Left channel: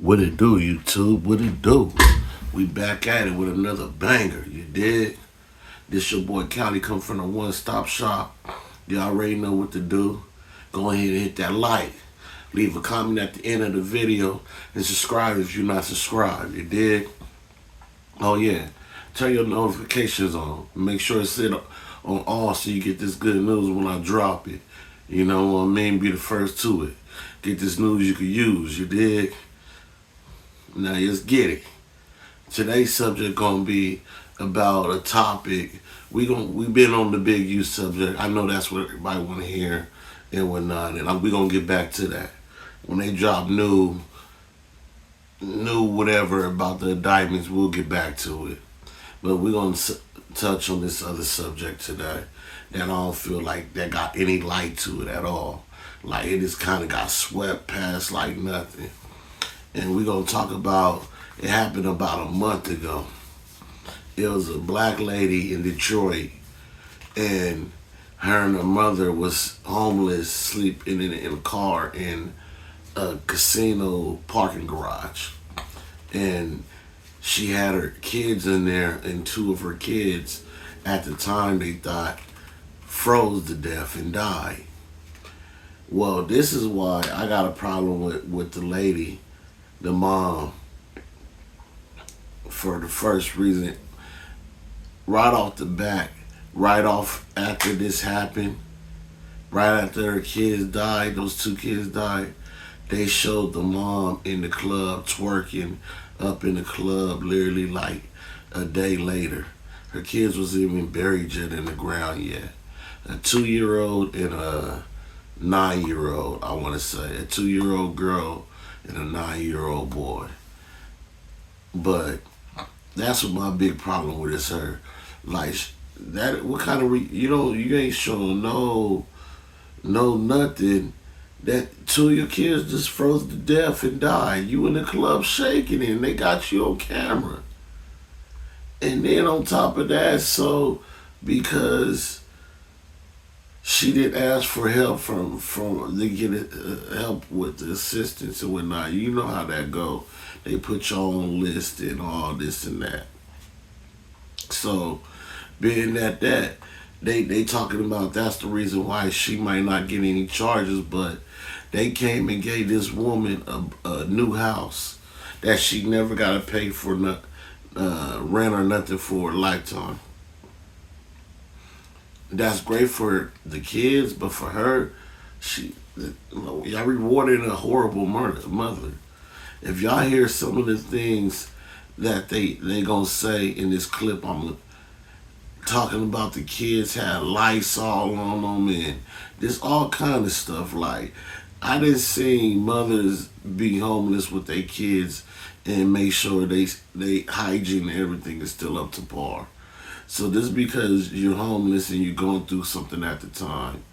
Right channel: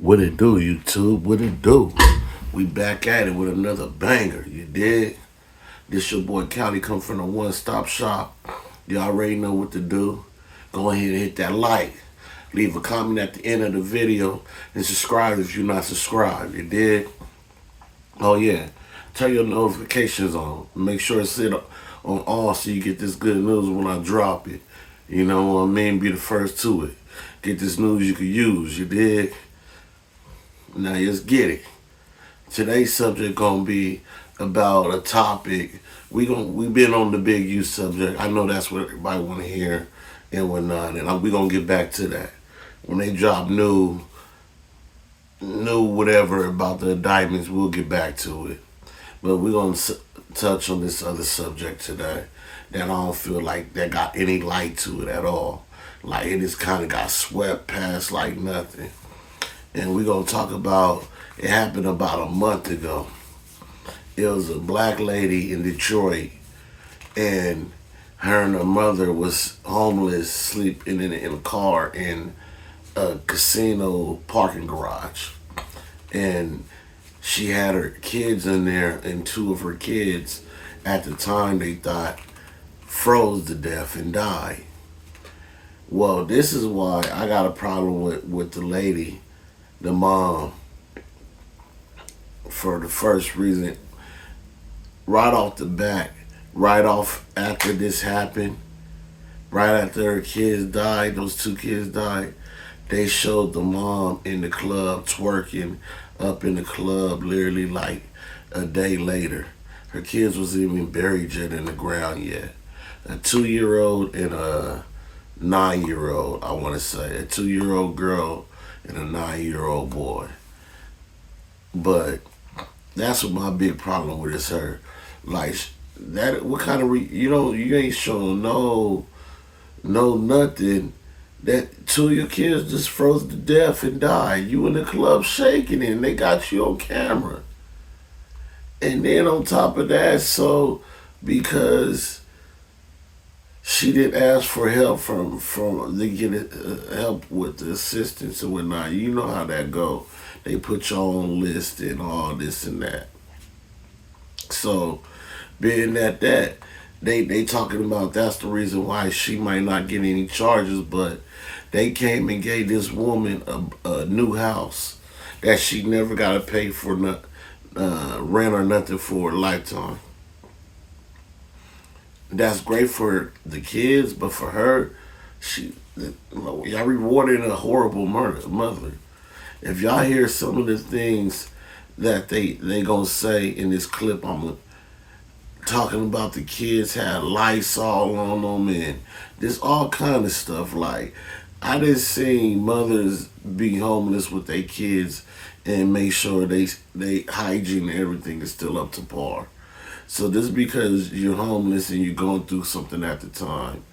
What it do, YouTube? What it do? We back at it with another banger. You did? This your boy Callie come from the One Stop Shop. You already know what to do. Go ahead and hit that like. Leave a comment at the end of the video and subscribe if you're not subscribed. You did? Oh yeah. Turn your notifications on. Make sure it's set on all so you get this good news when I drop it. You know what I mean? Be the first to it. Get this news you can use. You dig? Now let's get it. Today's subject gonna be about a topic. We been on the big U subject. I know that's what everybody want to hear and whatnot, and we gonna get back to that when they drop new whatever about the indictments. We'll get back to it, but we're gonna touch on this other subject today that I don't feel like that got any light to it at all. Like it just kind of got swept past like nothing. And we're gonna talk about it happened about a month ago. It was a black lady in Detroit, and her and her mother was homeless, sleeping in a car in a casino parking garage. And she had her kids in there, and two of her kids at the time they thought froze to death and died. Well, this is why I got a problem with the lady, the mom, for the first reason. Right off the bat, right off after this happened, right after her kids died, those two kids died, they showed the mom in the club twerking up in the club literally like a day later. Her kids was even buried yet in the ground yet. A 2-year-old and a 9-year-old, I want to say. A 2-year-old girl and a 9-year-old boy. But that's what my big problem with is her. Like that, what kind of you ain't showing no nothing. That two of your kids just froze to death and died. You in the club shaking it, and they got you on camera. And then on top of that, so because she didn't ask for help from to get help with the assistance and whatnot. You know how that go. They put you on list and all this and that. So being that they talking about that's the reason why she might not get any charges, but they came and gave this woman a new house that she never got to pay for rent or nothing for a lifetime. That's great for the kids, but for her, y'all rewarded a horrible mother. If y'all hear some of the things that they gonna say in this clip, I'm talking about the kids had Lysol on them and this all kind of stuff. Like I didn't see mothers be homeless with their kids and make sure they hygiene and everything is still up to par. So just because you're homeless and you're going through something at the time,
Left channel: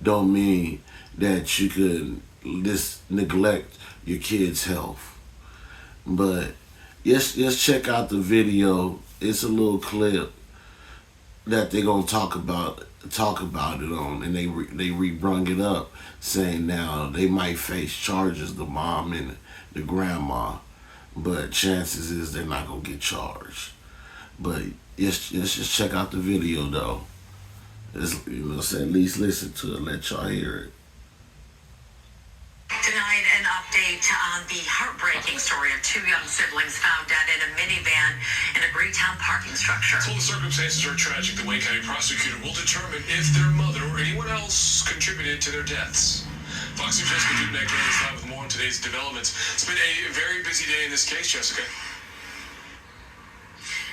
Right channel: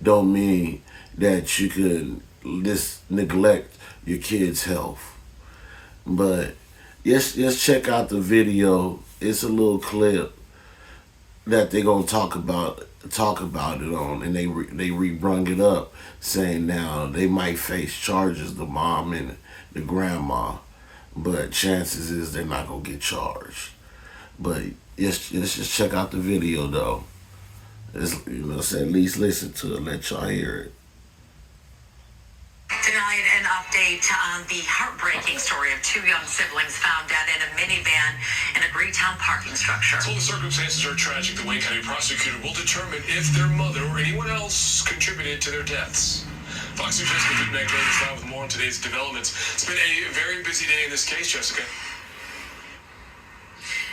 don't mean that you can just neglect your kids' health. But let's check out the video. It's a little clip that they're gonna talk about it on, and they re-brung it up, saying now they might face charges, the mom and the grandma, but chances is they're not gonna get charged. But let's just check out the video though. So at least listen to it, let y'all hear it. Tonight, an update on the heartbreaking story of two young siblings found dead in a minivan in a Greytown parking structure. Well, the circumstances are tragic. The Wayne County prosecutor will determine if their mother or anyone else contributed to their deaths. Fox News' Jessica Dubnak is live with more on today's developments. It's been a very busy day in this case, Jessica.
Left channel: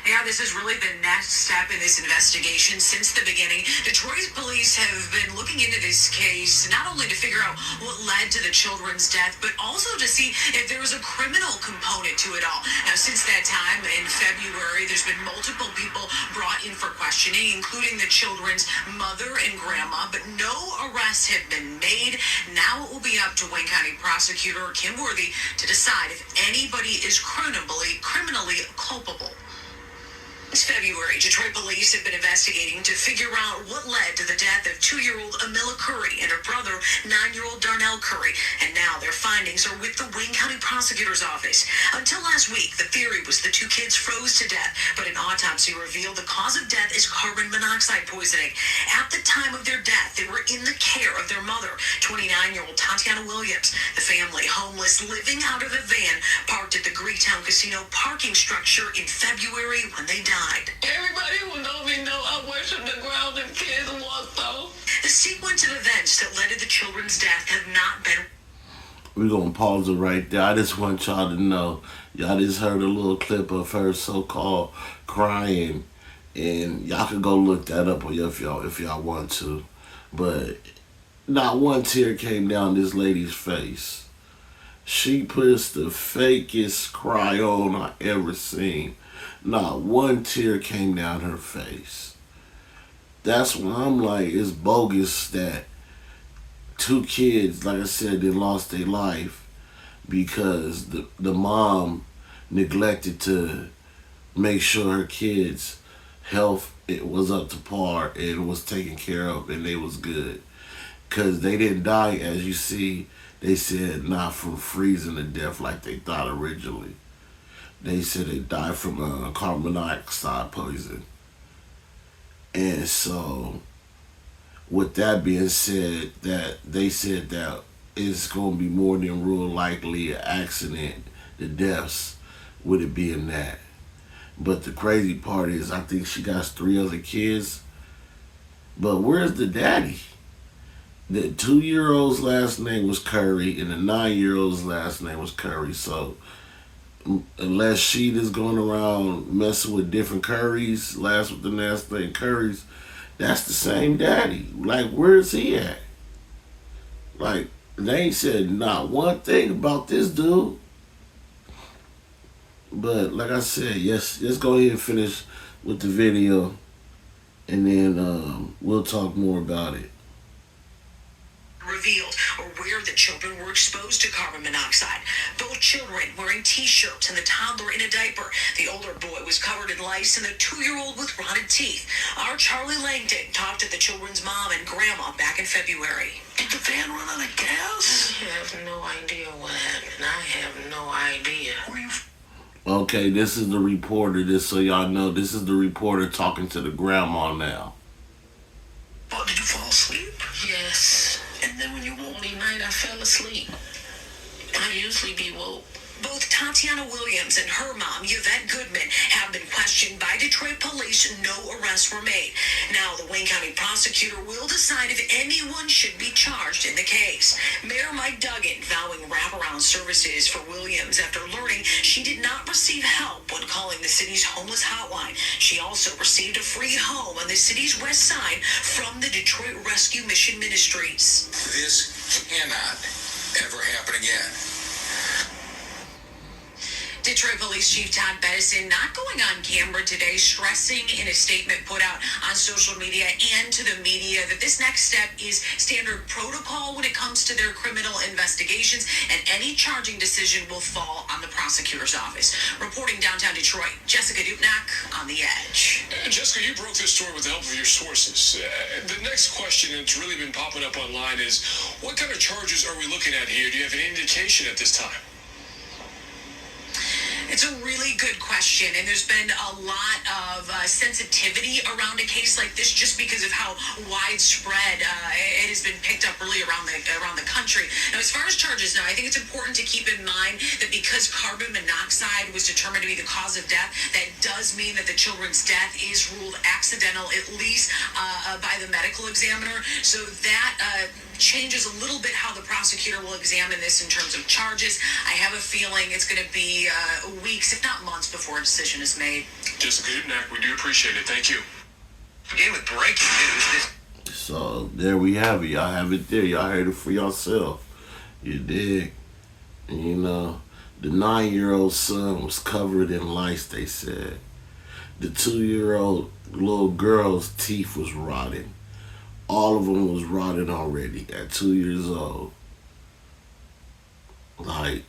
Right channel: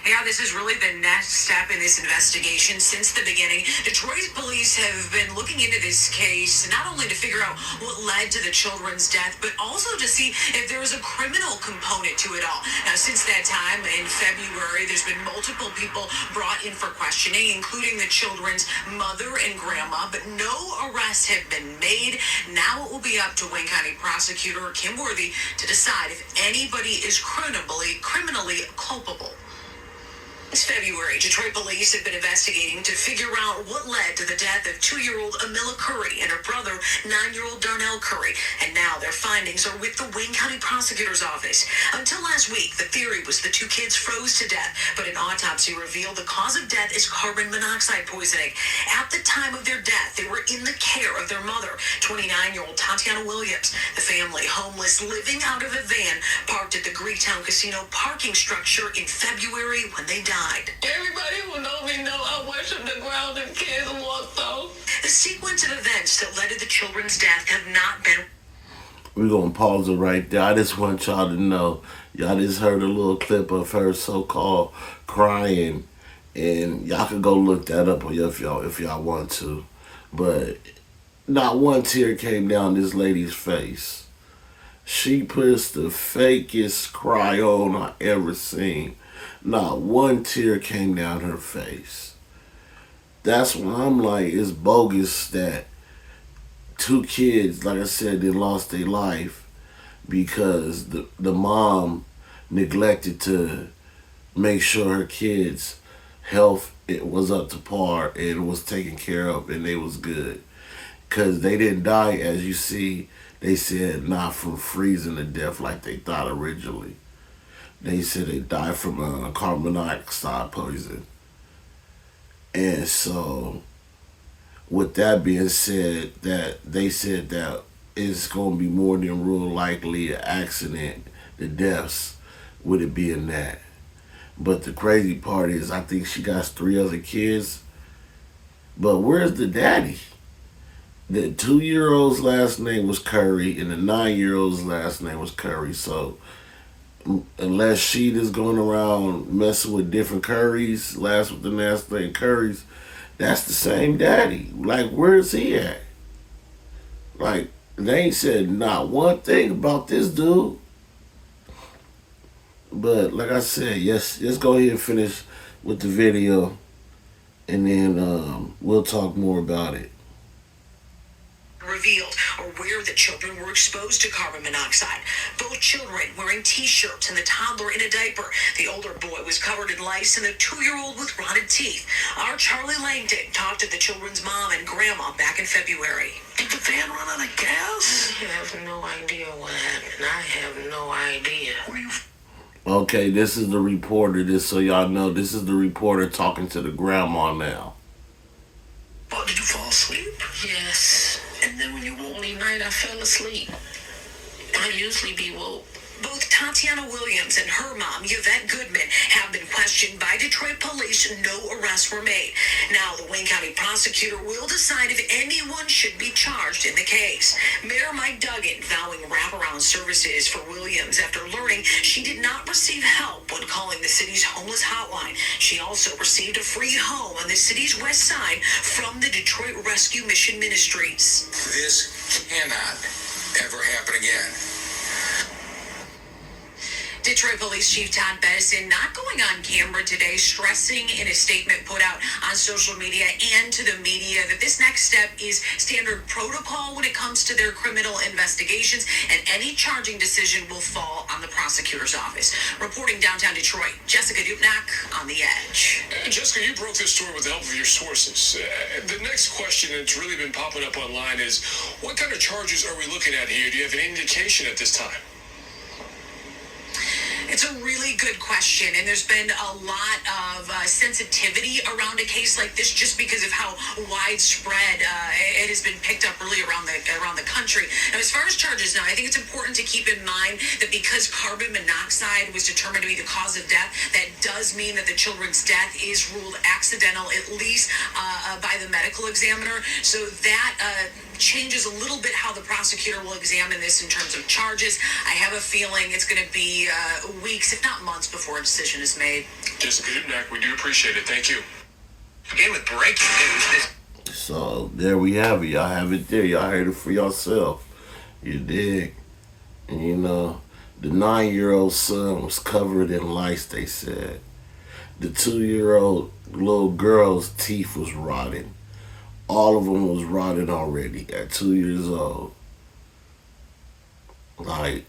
Yeah, this is really the next step in this investigation since the beginning. Detroit police have been looking into this case, not only to figure out what led to the children's death, but also to see if there was a criminal component to it all. Now, since that time in February, there's been multiple people brought in for questioning, including the children's mother and grandma, but no arrests have been made. Now it will be up to Wayne County prosecutor Kim Worthy to decide if anybody is criminally culpable. Since February, Detroit police have been investigating to figure out what led to the death of 2-year-old Amilla Curry and her brother, 9-year-old Darnell Curry. And now their findings are with the Wayne County Prosecutor's Office. Until last week, the theory was the 2 kids froze to death, but an autopsy revealed the cause of death is carbon monoxide poisoning. At the time of their death, they were in the care of their mother, 29-year-old Tatiana Williams. The family, homeless, living out of a van, parked at the Greektown Casino parking structure in February when they died. Everybody who knows me know I worship the ground and kids want though. The sequence of events that led to the children's death have not been. We're going to pause it right there. I just want y'all to know, y'all just heard a little clip of her so-called crying, and y'all can go look that up if y'all want to. But not one tear came down this lady's face. She puts the fakest cry on I ever seen. Not one tear came down her face. That's when I'm like, it's bogus that 2 kids, like I said, they lost their life because the mom neglected to make sure her kids' health it was up to par and was taken care of and they was good. Because they didn't die, as you see, they said not from freezing to death like they thought originally. They said they died from carbon monoxide poison. And so, with that being said, that they said that it's going to be more than real likely an accident, the deaths, with it being that. But the crazy part is, I think she got 3 other kids. But where's the daddy? The 2-year-old's last name was Curry, and the 9-year-old's last name was Curry. So, unless she just going around messing with different Currys, last with the last name Currys, that's the same daddy. Like, where's he at? Like, they ain't said not one thing about this dude. But like I said, yes, let's go ahead and finish with the video, and then we'll talk more about it. Revealed or where the children were exposed to carbon monoxide. Both children wearing t-shirts and the toddler in a diaper. The older boy was covered in lice and the 2-year-old with rotted teeth. Our Charlie Langdon talked to the children's mom and grandma back in February. Did the van run out of gas? I have no idea what happened. I have no idea. Okay, this is the reporter. Just so y'all know, this is the reporter talking to the grandma now. Oh, did you fall asleep? Yes. And then when you woke me night, I fell asleep. I usually be woke. Both Tatiana Williams and her mom, Yvette Goodman, have been questioned by Detroit police. No arrests were made. Now, the Wayne County prosecutor will decide if anyone should be charged in the case. Mayor Mike Duggan vowing wraparound services for Williams after learning she did not receive help when calling the city's homeless hotline. She also received a free home on the city's west side from the Detroit Rescue Mission Ministries. This cannot ever happen again. Detroit Police Chief Todd Bedison not going on camera today, stressing in a statement put out on social media and to the media that this next step is standard protocol when it comes to their criminal investigations, and any charging decision will fall on the prosecutor's office. Reporting downtown Detroit, Jessica Dupnack on The Edge. Jessica, you broke this story with the help of your sources. The next question that's really been popping up online is, what kind of charges are we looking at here? Do you have any indication at this time? It's a really good question, and there's been a lot of sensitivity around a case like this just because of how widespread it has been picked up really around the country. Now, as far as charges now, I think it's important to keep in mind that because carbon monoxide was determined to be the cause of death, that does mean that the children's death is ruled accidental, at least by the medical examiner. So that changes a little bit how the prosecutor will examine this in terms of charges. I have a feeling it's going to be weeks, if not months, before a decision is made. Jessica Dupnack, we do appreciate it. Thank you. Again, with breaking news, So there we have it. Y'all have it there. Y'all heard it for yourself. You dig? And you know, the 9-year-old son was covered in lice, they said. The 2-year-old little girl's teeth was rotting. All of them was rotted already at 2 years old. Like,